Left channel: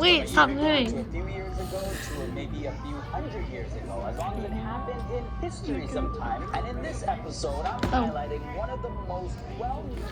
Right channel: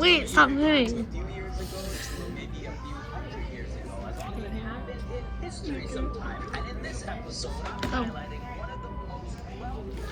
Wait, stop moving. A few years ago to maybe a few hundred years ago, as long as it happened in history sometime. And in this episode, I'm highlighting one of the most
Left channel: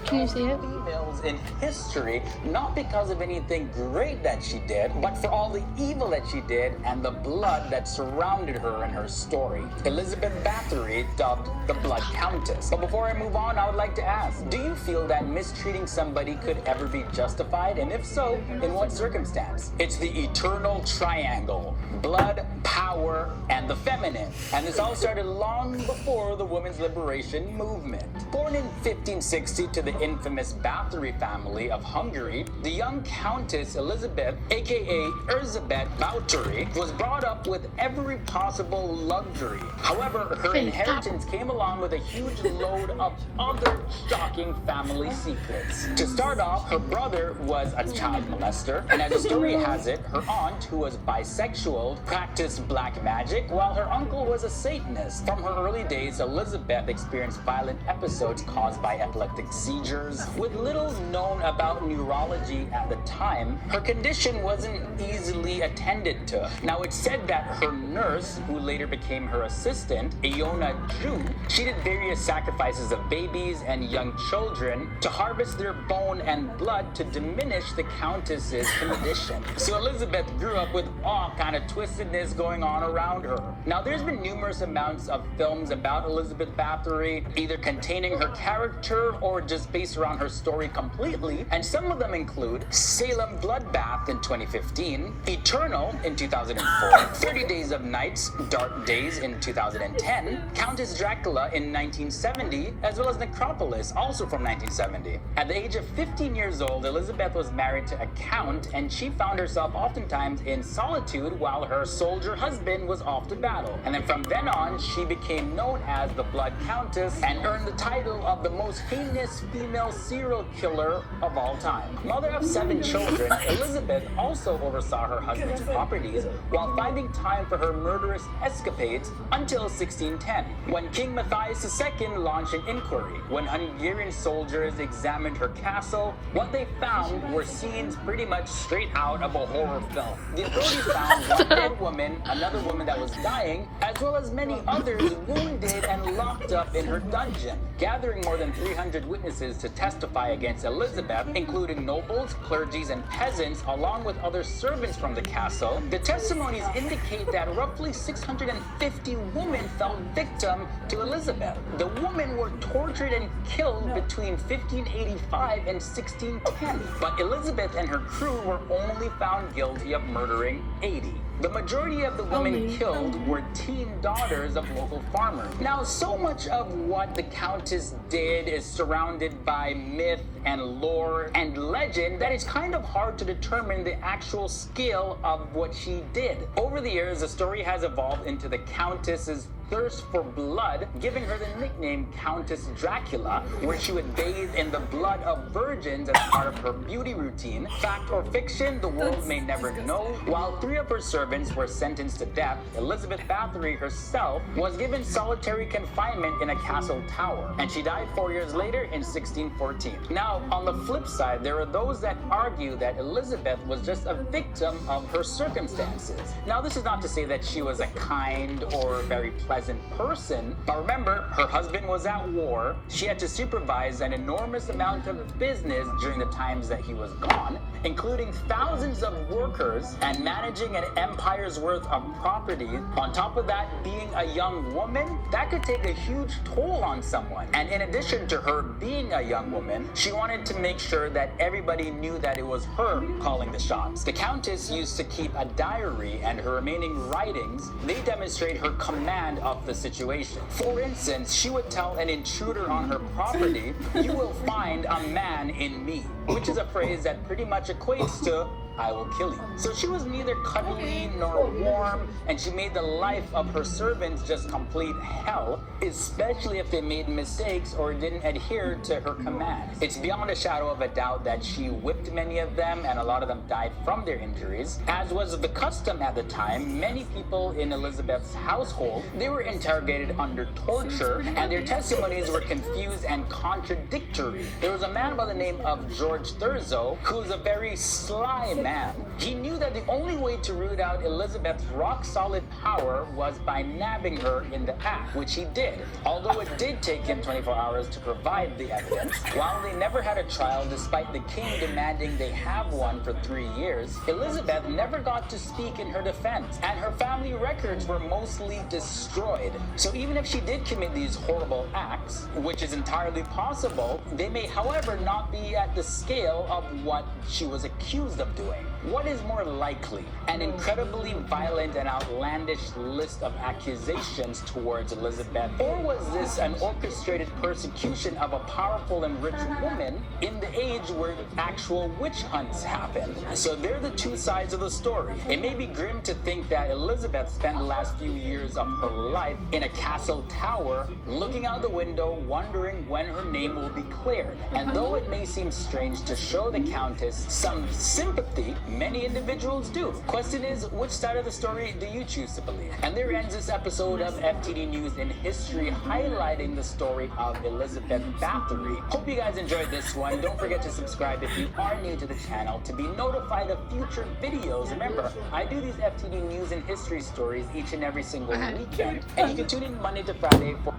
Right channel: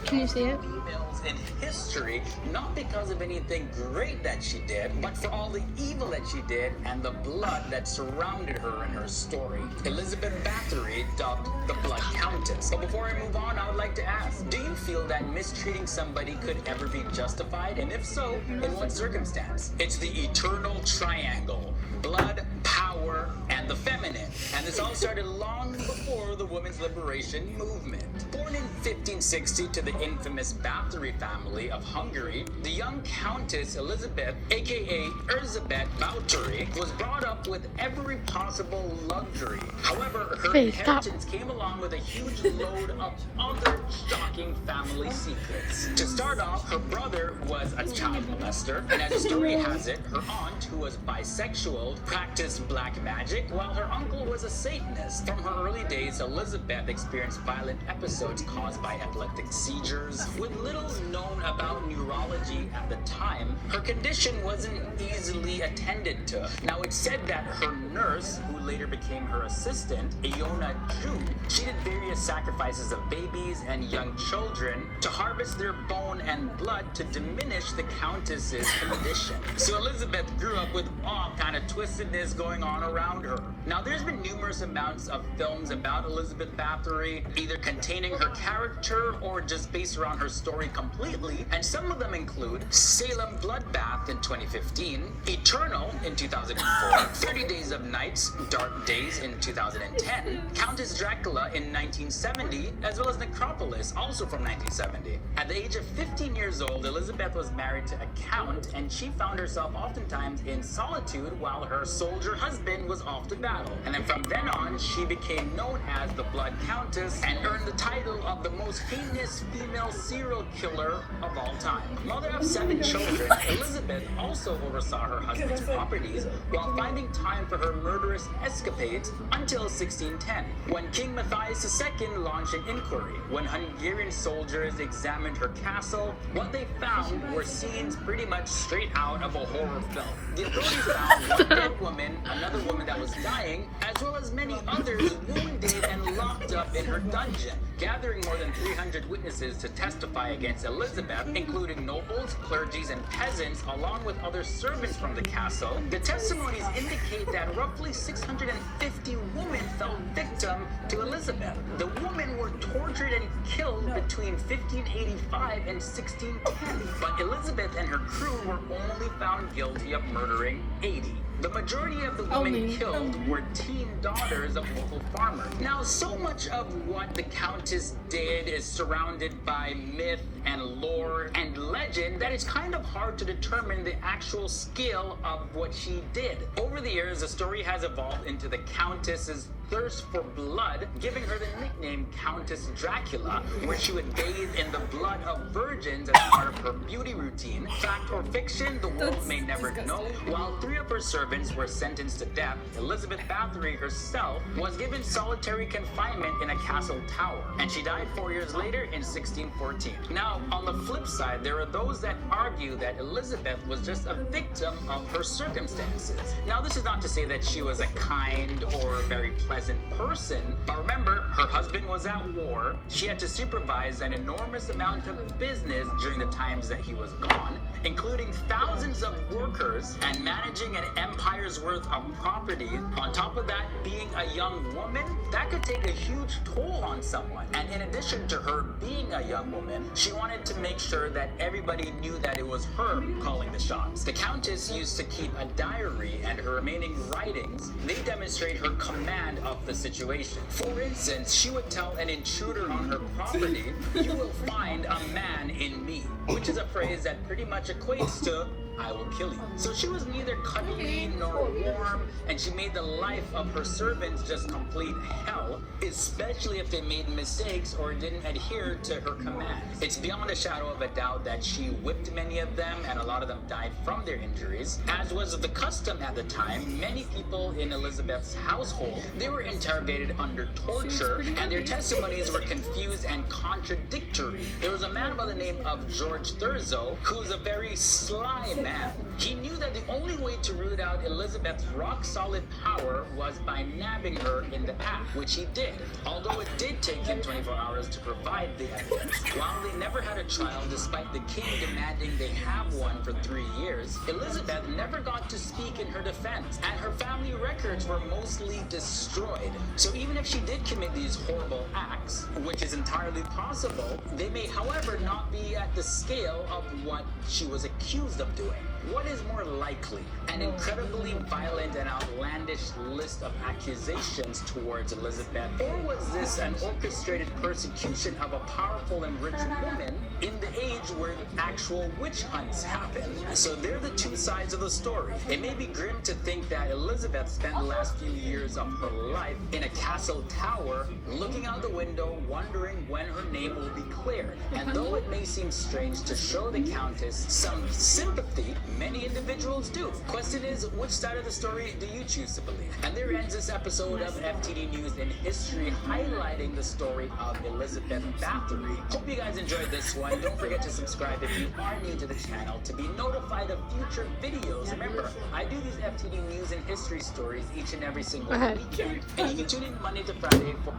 Can you see it? females in history, not because of anything great that she did, but for all the evil that she did and the blood that surrounded her and her story. Elizabeth Bathory, dubbed the Blood Countess. But before I move on, I would like to ask, do you feel that mistreating somebody could ever be justified? And if so, in what circumstance? It's the eternal triangle: blood, power, and the feminine. And this all started long before the women's liberation movement. Born in 1560 to the infamous Bathory family of Hungary, the young Countess Elizabeth, aka Erzsébet Bathory, was brought up with every possible luxury. However, her inheritance came along with a huge load of other shocking family secrets. To start off, her brother was a child molester, and as the story has it, her aunt, who was bisexual, practiced black magic, while her uncle was a Satanist. From her early days, Elizabeth experienced violent episodes caused by epileptic seizures. With little known about neurology at the time, her condition wasn't easily attended to. Now, it's said that her nurse, who later became her assistant, Iona Jew, she did various sacrifices of babies and young children to harvest their bone and blood to diminish the Countess's condition. So Elizabeth grew up with all kind of twistedness going on around her. Now, there's been numerous amounts of films about Elizabeth Bathory, either containing her character or just based around her story completely, and some of them include Salem Bloodbath in 2015, Eternal in 2004, 30 Days of Nights, Dark Days in 2010, Countess Dracula in 1970, as well as Necropolis, also from 1970. At the age of 15 years old, Elizabeth was married to a count, and she found herself oftentimes in solitude while her soldier husband was off to battle. And then from then on, she became known as the Blood Countess and earned the title of the most heinous female serial killer of all time. Mother of 7 children, Elizabeth also oversaw her husband's properties while finding time for her murderous escapades until 1610, when King Matthias II launched an inquiry. When Hungarian soldiers examined her castle, what they found were scenes pretty much straight out of a horror film. The authorities found one dead woman, another woman that was dying, as well as many others wounded and locked up in her dungeon. Gathering more than 300 witnesses to testify against Elizabeth, including nobles, clergies, and peasants, along with other servants from the castle, the testimonies indicate that roughly 650 women fell victim to Elizabeth. The women were tortured and killed between 1585 and 1610, but Elizabeth and her crew were only found guilty of murdering 80. The majority of the women killed were teen daughters of local farmers. Now, so much of what the Countess did is surrounded by myth and lore and legend that it's kind of hard to determine the actual scale of what she did. Over the years, the story has evolved into the Countess's thirst for blood, giving her the nickname Countess Dracula, where she would bathe in the blood of virgins as part of her beauty routine. Fact or fiction, the world may never know. While 3 of her servants were sentenced to death, Elizabeth Bathory herself was given solitary confinement in a castle tower, and she died 4 years later in 1614. Now, on the flip side, there are those that argue that Elizabeth was just a victim of her circumstances. Now, this is not to say that she was a kind or very pleasant person, but remember, her husband was at war. She had to supervise an enormous amount of business during the times that he was gone, including thousands of workers and managing an empire's worth of property. On top of that, being a young woman, that could take a huge toll on someone. And in addition to her being a young woman, she wanted to make sure that everybody knew that it was her calling the shots. The Countess used to keep a diary, and her remaining writings, they demonstrate her command of the situation. For instance, she would tell an intruder on her property, "You will find a man in me," which is a phrase that pretty much equates to "I will kill you." So she was neither cuddly nor warm, and she made the life of her servants just complete hell, especially if they made mistakes or didn't adhere to her commands. It's beyond a shadow of a doubt that she whipped many of them, and a lot of them died from their injuries. As was the custom at the time, many people in Elizabeth's household, they were were interrogated under torture, and their testimonies were confused and contradictory. There was a man by the name of George Thurzo, who was a very sly man. He knew that the only way to root out Elizabeth's rock-solid power was by nabbing her in the act, which he did. Although it did take him 24 hours to provide the evidence, while they never had a child despite the king demanding they have one for 3 years, Elizabeth never got to speak in her defense, and her family records were mostly destroyed. So even if she did commit these horrible acts, which is entirely possible, they may, however, not be at the scale of what she was accused of doing. What is more likely? An incredibly violent and outlandish list of accusations towards Elizabeth? Or was this an orchestrated persecution of a powerful and rich woman in the age where actual witch hunts happen? So they're the two sides of the story. It may be grim to think that Elizabeth spent the last few years of her life in a castle tower, looking out the window, wondering when her name will be cleared. And though it may seem strange to show the Countess some sympathy, many individuals do. Question is, which side of the story do you choose to believe? And there ends this episode of FTD News in History, highlighting the story of Elizabeth Bathory. Hope you guys enjoyed this one. Don't forget to subscribe if you are new to the channel to be notified of future videos. Remember, I do these FTD News and History stories each and every single weekend. And you can tune in Monday to Friday for...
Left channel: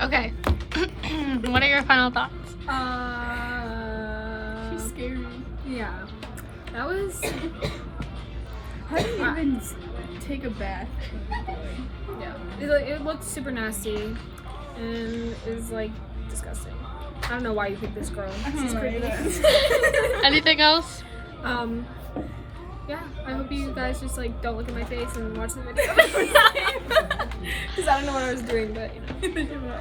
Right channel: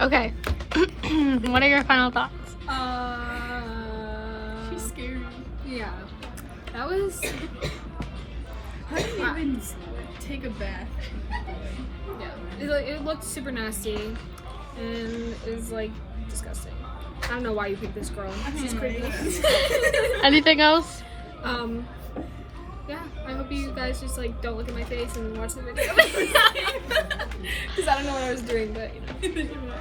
Okay. What are your final thoughts? She's scary. Yeah. That was... How do you even take a bath? Yeah. It looked super nasty. And it was, like, disgusting. I don't know why you picked this girl. She's creepy. Anything else? Yeah. I hope you guys just, like, don't look at my face and watch the video. Because I don't know what I was doing, but, you know.